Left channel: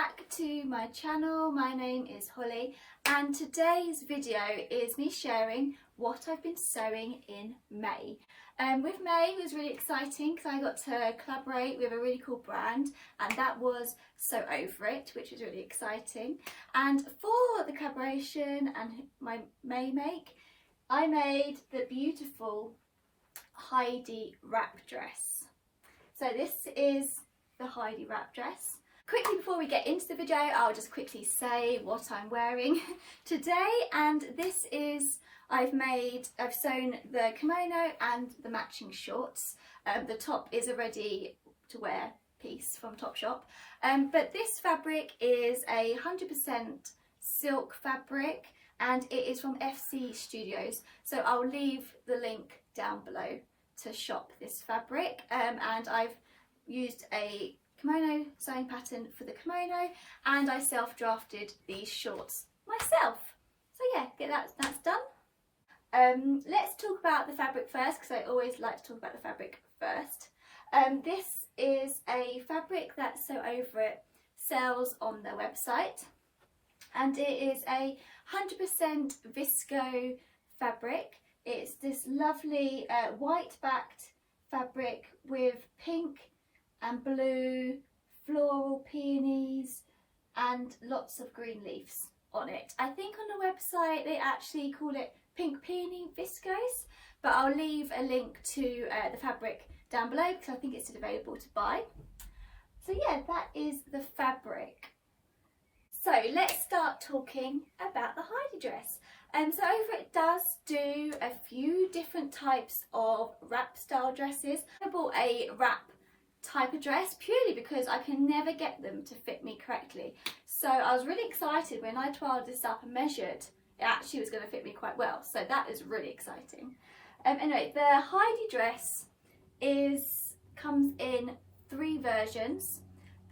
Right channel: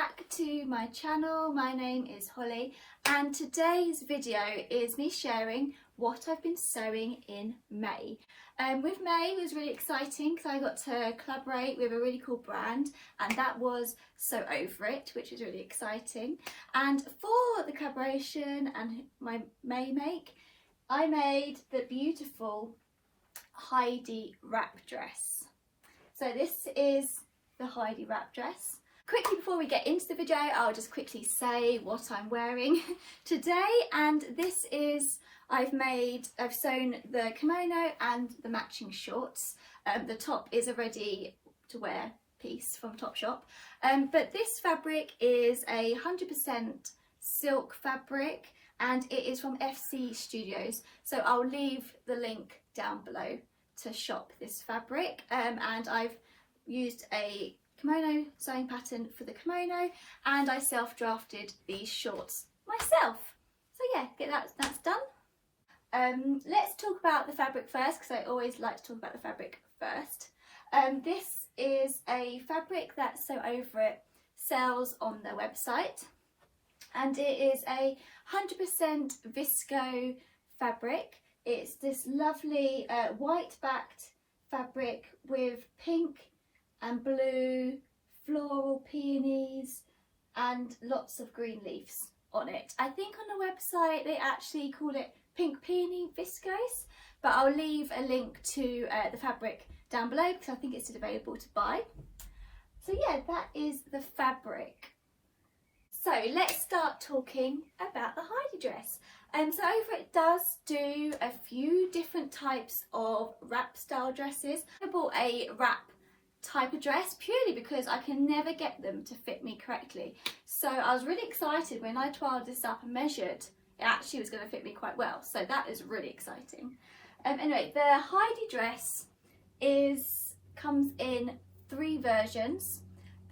back to my channel. My name is Holly and today's video is me sharing what I've been sewing in May. With May it was really exciting because I got to collaborate with a really cool brand, and that was Sew Over It, which is really exciting. And for the collaboration and my May make, I made the beautiful Heidi wrap dress. So this is the Heidi wrap dress. Quickly before we get into the video, I'll just quickly say what I'm wearing today, and this is, I've sewn the kimono and the matching shorts. The top is a ready to wear piece from Topshop, but this fabric is 100% silk fabric and it is from FC Studios, so I'll leave the link down below to shop this fabric. And I've used a kimono sewing pattern for the kimono, and I self-drafted these shorts myself. So yeah, that's done. Let's talk about the fabric first, because I always like to talk about the fabric first. This is a fabric that Sew Over It sells on their website, and it is 100% visco fabric. It's this lovely white backed fabric with pink and blue floral peonies and lots of green leaves on it. I think on the website they actually call it pink peony viscose, but I'll leave a link to the fabric down below because I think it's still available to buy. So yeah, that is the fabric. So let's start talking about the Heidi dress. So Over It does do a few different types of wrap style dresses. I bought a wrap type of dress purely because I can never get them to fit me correctly. So I was really excited when I trialed this up and measured. It actually was going to fit me quite well. So that is really exciting. Anyway, the Heidi dress comes in 3 versions.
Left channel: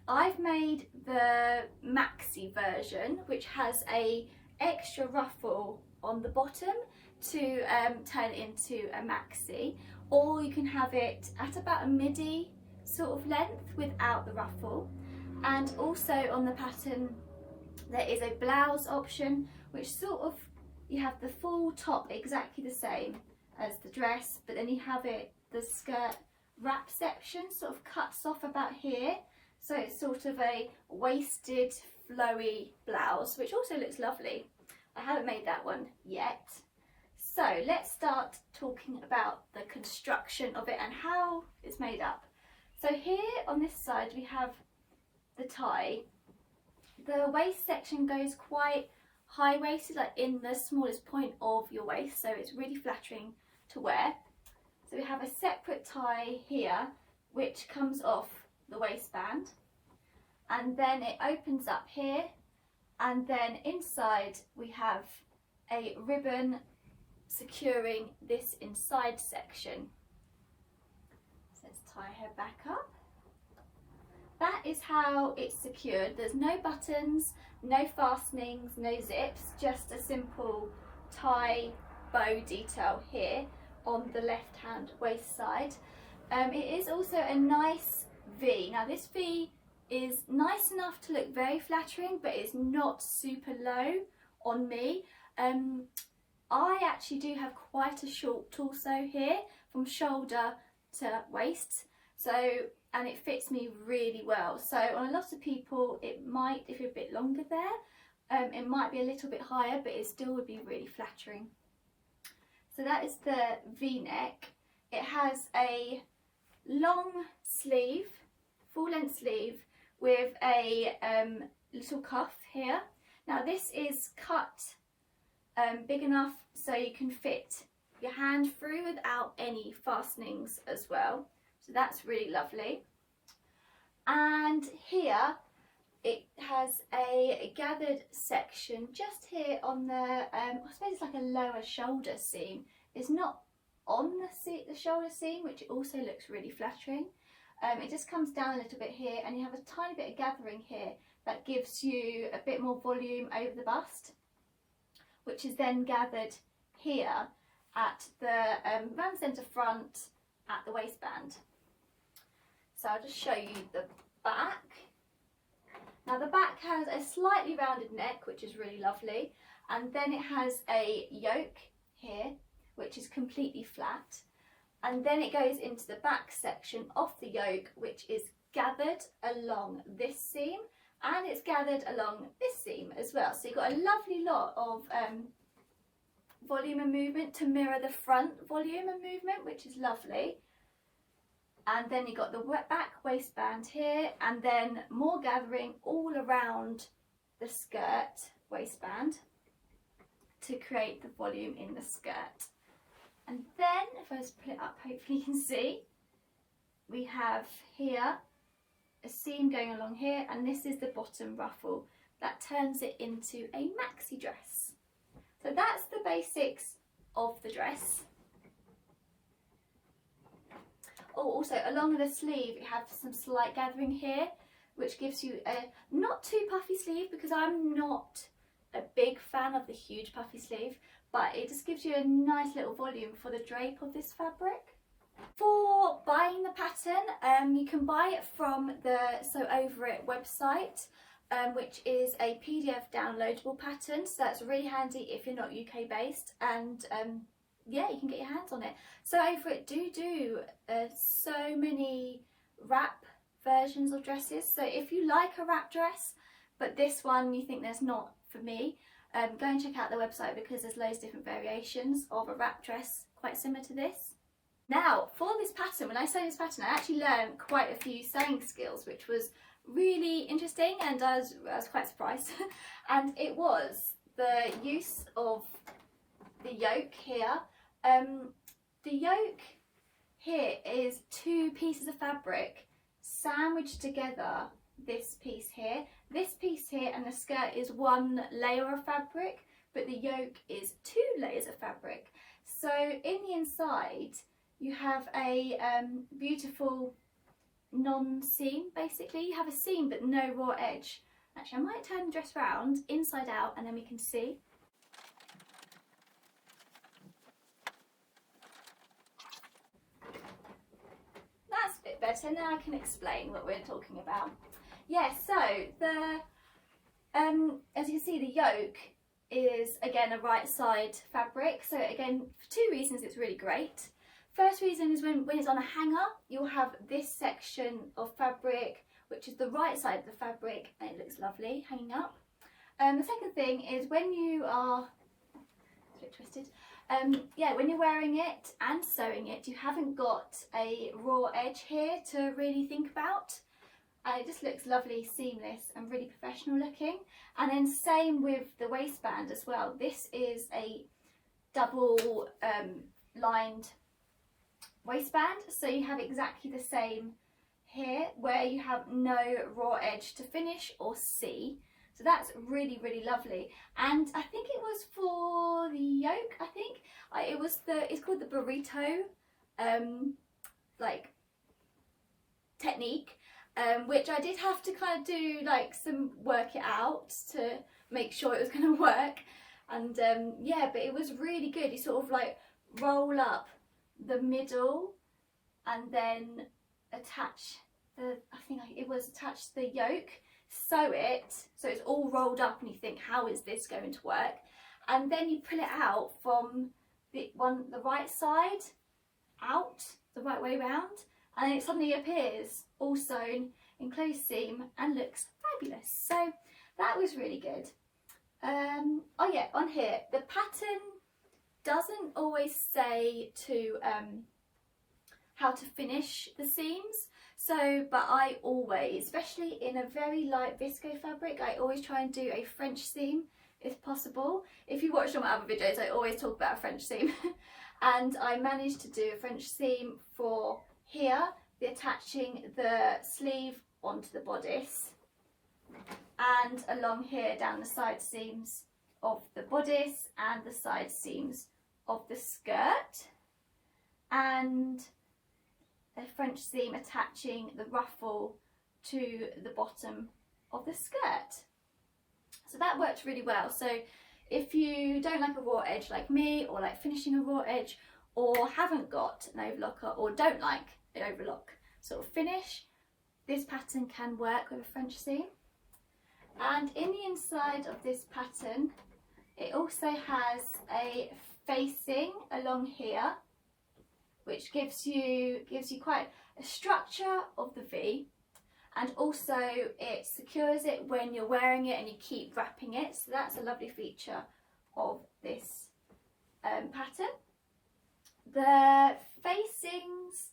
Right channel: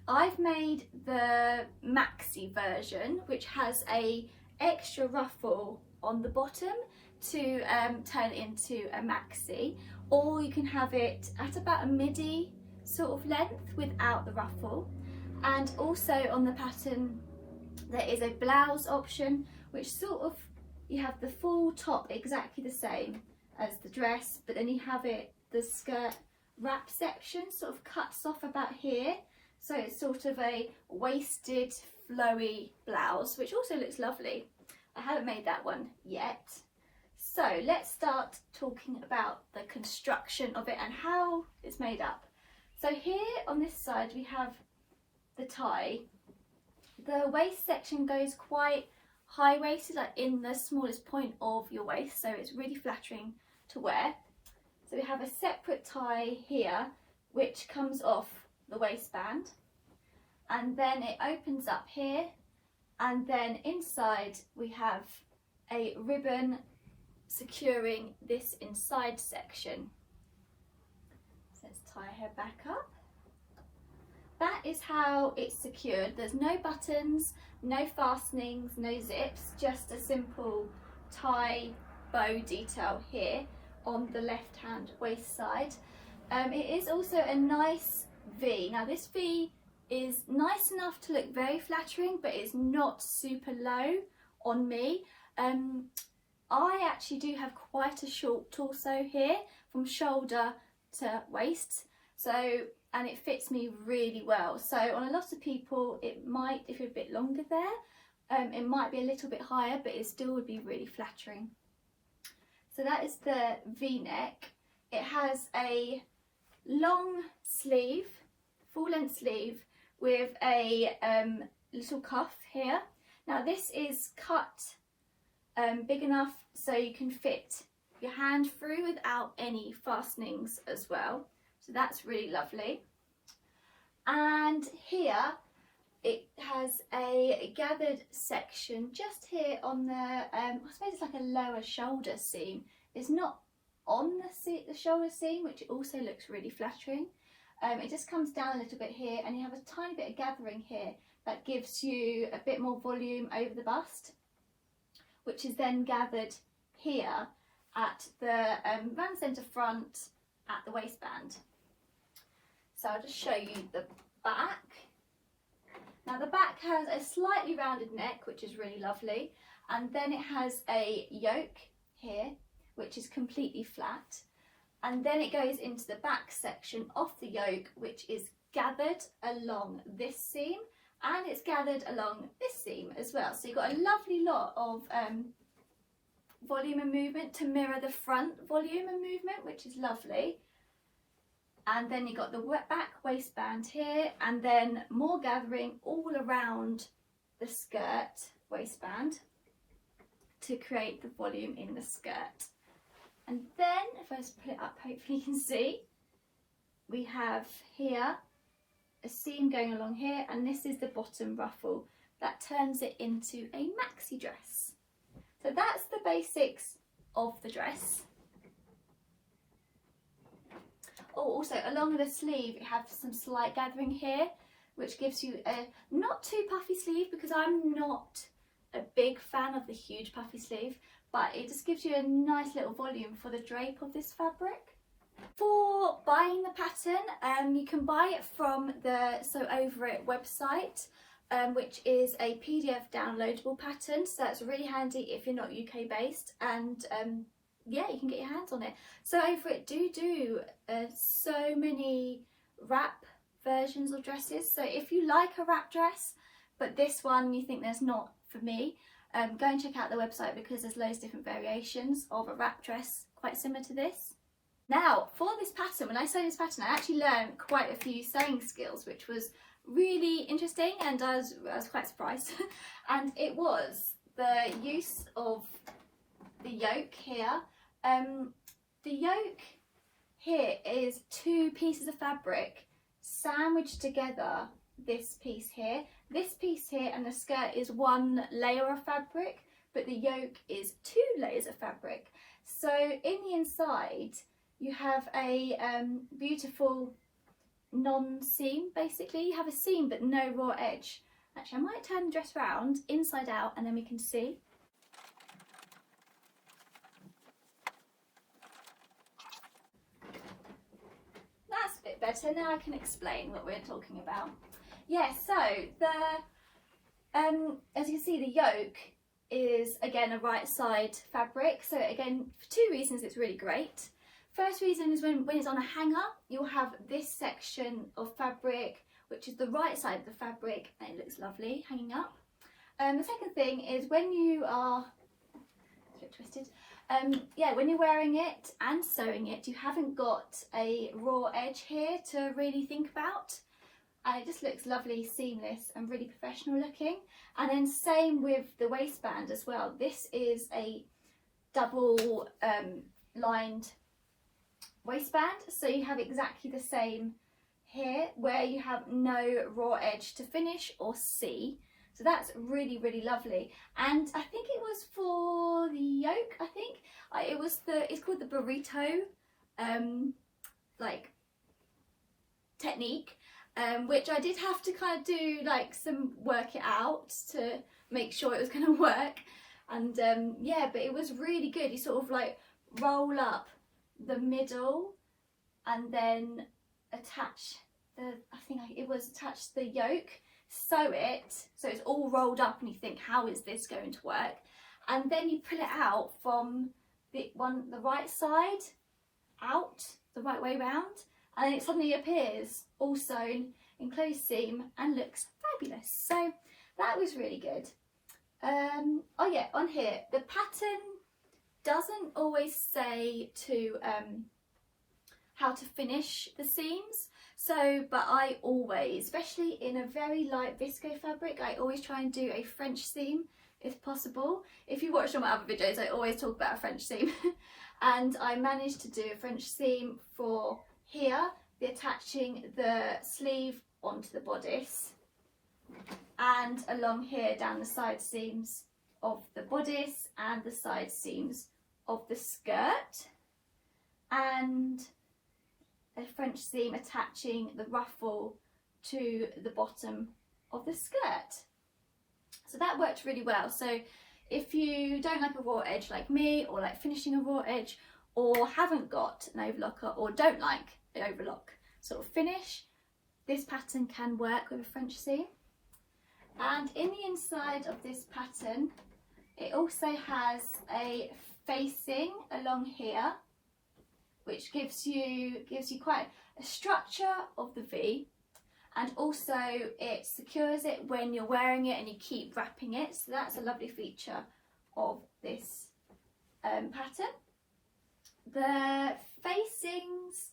I've made the maxi version, which has a extra ruffle on the bottom to turn it into a maxi, or you can have it at about a midi sort of length without the ruffle. And also on the pattern there is a blouse option, which sort of, you have the full top exactly the same as the dress, but then you have the skirt wrap section sort of cuts off about here, so it's sort of a waisted flowy blouse, which also looks lovely. I haven't made that one yet. So let's start talking about the construction of it and how it's made up. So here on this side we have the tie. The waist section goes quite high-waisted, like in the smallest point of your waist, so it's really flattering to wear. So we have a separate tie here which comes off the waistband, and then it opens up here, and then inside we have a ribbon securing this inside section. So let's tie her back up. That is how it's secured. There's no buttons, no fastenings, no zips, just a simple tie bow detail here on the left hand waist side. It is also a nice V. Now this V is nice enough to look very flattering, but it's not super low on me. I actually do have quite a short torso here from shoulder to waist, and it fits me really well. So on a lot of people it might, if you're a bit longer there, it might be a little bit higher, but it still would be really flattering. So that is the V-neck. It has a long sleeve, full length sleeve with a little cuff here. Now this is cut big enough so you can fit your hand through without any fastenings as well. So that's really lovely. And here it has a gathered section just here on the, I suppose it's like a lower shoulder seam. It's not on the shoulder seam, which also looks really flattering. It just comes down a little bit here, and you have a tiny bit of gathering here that gives you a bit more volume over the bust, which is then gathered here at the round centre front at the waistband. So I'll just show you the back. Now the back back has a slightly rounded neck, which is really lovely, and then it has a yoke here, which is completely flat, and then it goes into the back section of the yoke, which is gathered along this seam, and it's gathered along this seam as well. So you've got a lovely lot of volume and movement to mirror the front volume and movement, which is lovely. And then you've got the back waistband here, and then more gathering all around the skirt waistband to create the volume in the skirt. And then, if I just pull it up, hopefully you can see, we have here a seam going along here, and this is the bottom ruffle that turns it into a maxi dress. So that's the basics of the dress. Oh, also along the sleeve you have some slight gathering here, which gives you a not too puffy sleeve, because I'm not a big fan of the huge puffy sleeve, but it just gives you a nice little volume for the drape of this fabric. For buying the pattern, you can buy it from the Sew Over It website, which is a PDF downloadable pattern, so that's really handy if you're not UK based, and yeah, you can get your hands on it. Sew Over It do so many wrap versions of dresses, so if you like a wrap dress but this one you think there's not for me, go and check out the website, because there's loads of different variations of a wrap dress quite similar to this. Now for this pattern, when I sewed this pattern, I actually learned quite a few sewing skills, which was really interesting, and I was quite surprised. And it was the use of the yoke here. The yoke here is two pieces of fabric sandwiched together, this piece here, and the skirt is one layer of fabric, but the yoke is two layers of fabric. So in the inside you have a beautiful non-seam. Basically you have a seam but no raw edge. Actually, I might turn the dress round inside out and then we can see. That's a bit better. Now I can explain what we're talking about. Yeah, so as you can see, the yoke is again a right side fabric. So again, for two reasons it's really great. First reason is when it's on a hanger, you'll have this section of fabric, which is the right side of the fabric, and it looks lovely hanging up. The second thing is when you are, it's a bit twisted, yeah, when you're wearing it and sewing it, you haven't got a raw edge here to really think about, and it just looks lovely, seamless and really professional looking. And then same with the waistband as well. This is a double lined waistband, so you have exactly the same here, where you have no raw edge to finish or see. So that's really, really lovely. And I think it was for the yoke, I think it's called the burrito like technique, which I did have to kind of do like some work it out to make sure it was going to work. And yeah, but it was really good. You sort of like roll up the middle and then attach attach the yoke, sew it so it's all rolled up, and you think, how is this going to work? And then you pull it out from the right side out, the right way round, and it suddenly appears all sewn in closed seam and looks fabulous. So that was really good. Oh yeah, on here the pattern doesn't always say to how to finish the seams, so but I always, especially in a very light visco fabric, I always try and do a French seam if possible. If you watch all my other videos, I always talk about a French seam. And I managed to do a French seam for here, attaching the sleeve onto the bodice, and along here down the side seams of the bodice and the side seams of the skirt, and a French seam attaching the ruffle to the bottom of the skirt. So that worked really well. So if you don't like a raw edge like me, or like finishing a raw edge, or haven't got an overlocker, or don't like an overlock sort of finish, this pattern can work with a French seam. And in the inside of this pattern, it also has a facing along here, which gives you quite a structure of the V, and also it secures it when you're wearing it and you keep wrapping it. So that's a lovely feature of this pattern. The facings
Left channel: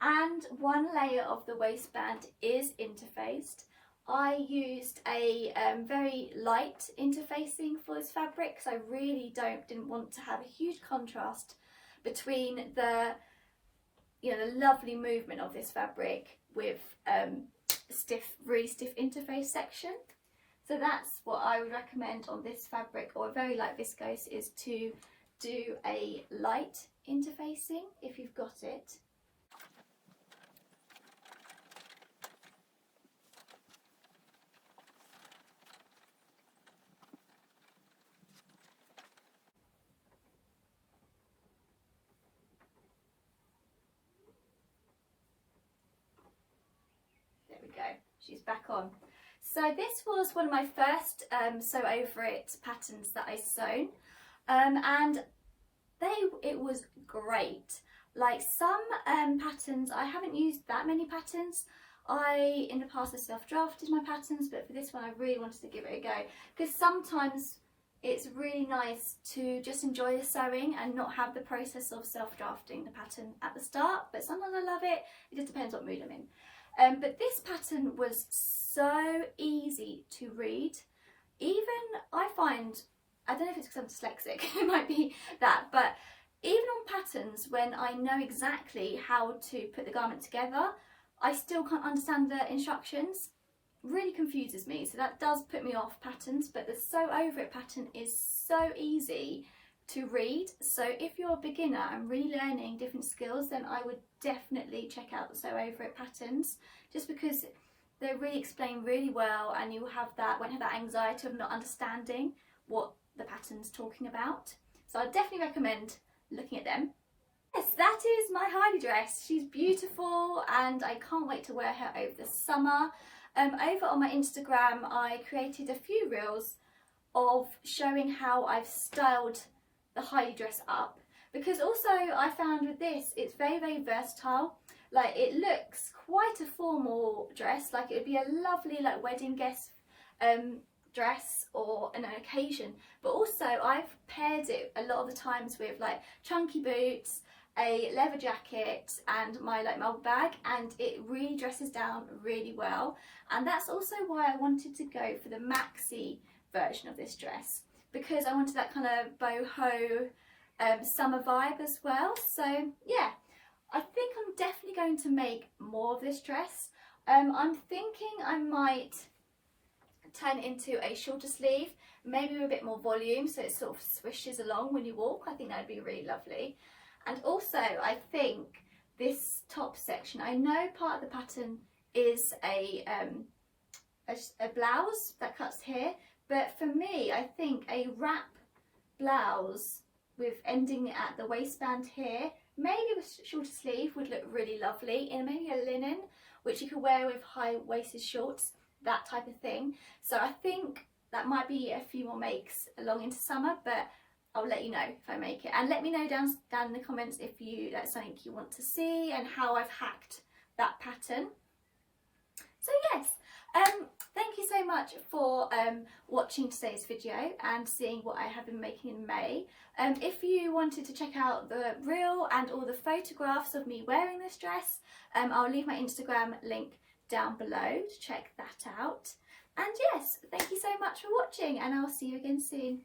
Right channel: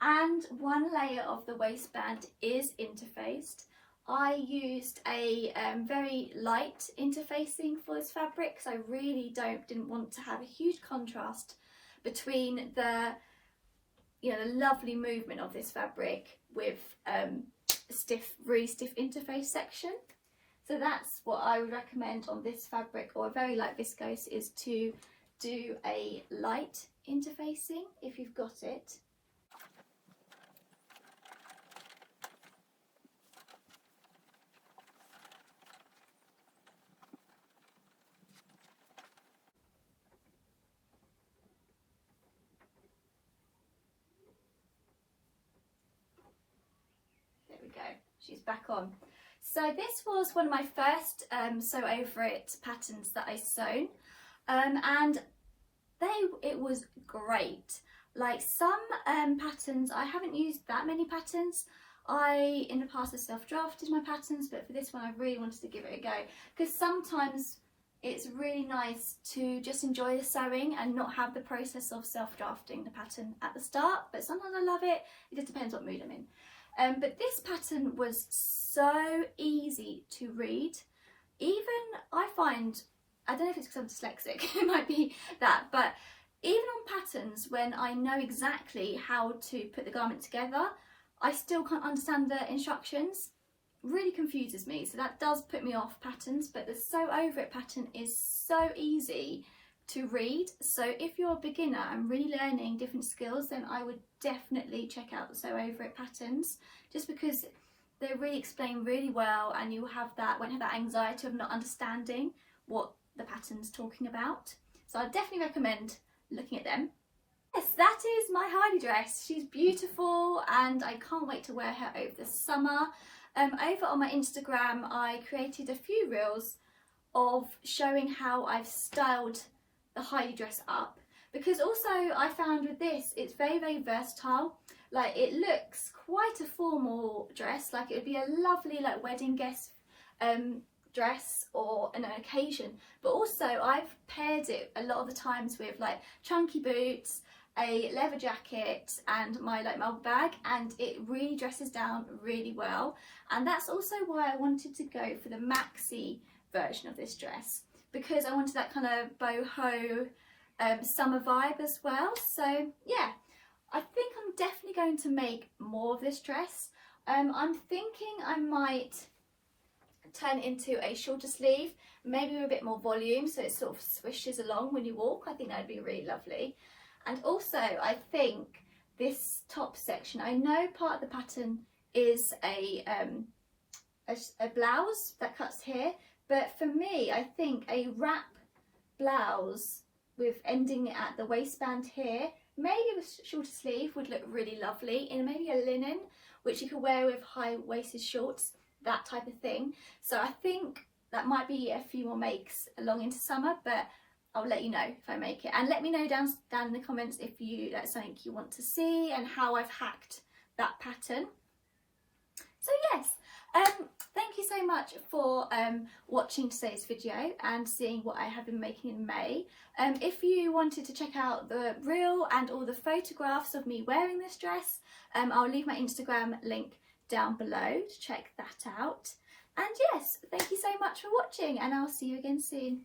and one layer of the waistband is interfaced. I used a very light interfacing for this fabric because I really didn't want to have a huge contrast between the the lovely movement of this fabric with really stiff interface section. So that's what I would recommend on this fabric, or a very light viscose, is to do a light interfacing if you've got it. There we go, she's back on. So this was one of my first Sew Over It patterns that I sewn, and it was great. Like some patterns, I haven't used that many patterns. I in the past have self-drafted my patterns, but for this one I really wanted to give it a go, because sometimes it's really nice to just enjoy the sewing and not have the process of self-drafting the pattern at the start, but sometimes I love it. It just depends what mood I'm in. But this pattern was so easy to read. Even I find, I don't know if it's because I'm dyslexic, it might be that, but even on patterns when I know exactly how to put the garment together, I still can't understand the instructions. Really confuses me, so that does put me off patterns. But the Sew Over It pattern is so easy to read, so if you're a beginner and really learning different skills, then I would definitely check out the Sew Over It patterns, just because they're really explained really well, and you won't have that anxiety of not understanding what the pattern's talking about. So I definitely recommend looking at them. Yes, that is my Heidi dress. She's beautiful and I can't wait to wear her over the summer. Over on my Instagram I created a few reels of showing how I've styled the Heidi dress up, because also I found with this it's very, very versatile. Like, it looks quite a formal dress, like it would be a lovely like wedding guest dress or an occasion, but also I've paired it a lot of the times with like chunky boots, a leather jacket and my bag, and it really dresses down really well. And that's also why I wanted to go for the maxi version of this dress, because I wanted that kind of boho summer vibe as well. So yeah, I think I'm definitely going to make more of this dress. I'm thinking I might turn it into a shorter sleeve, maybe with a bit more volume, so it sort of swishes along when you walk. I think that would be really lovely. And also I think this top section, I know part of the pattern is a blouse that cuts here, but for me I think a wrap blouse with ending at the waistband here, maybe with shorter sleeve, would look really lovely, in maybe a linen, which you could wear with high-waisted shorts, that type of thing. So I think that might be a few more makes along into summer, but I'll let you know if I make it. And let me know down in the comments if that's something you want to see and how I've hacked that pattern. So yes, thank you so much for watching today's video and seeing what I have been making in May. If you wanted to check out the reel and all the photographs of me wearing this dress, I'll leave my Instagram link down below to check that out. And yes, thank you so much for watching, and I'll see you again soon.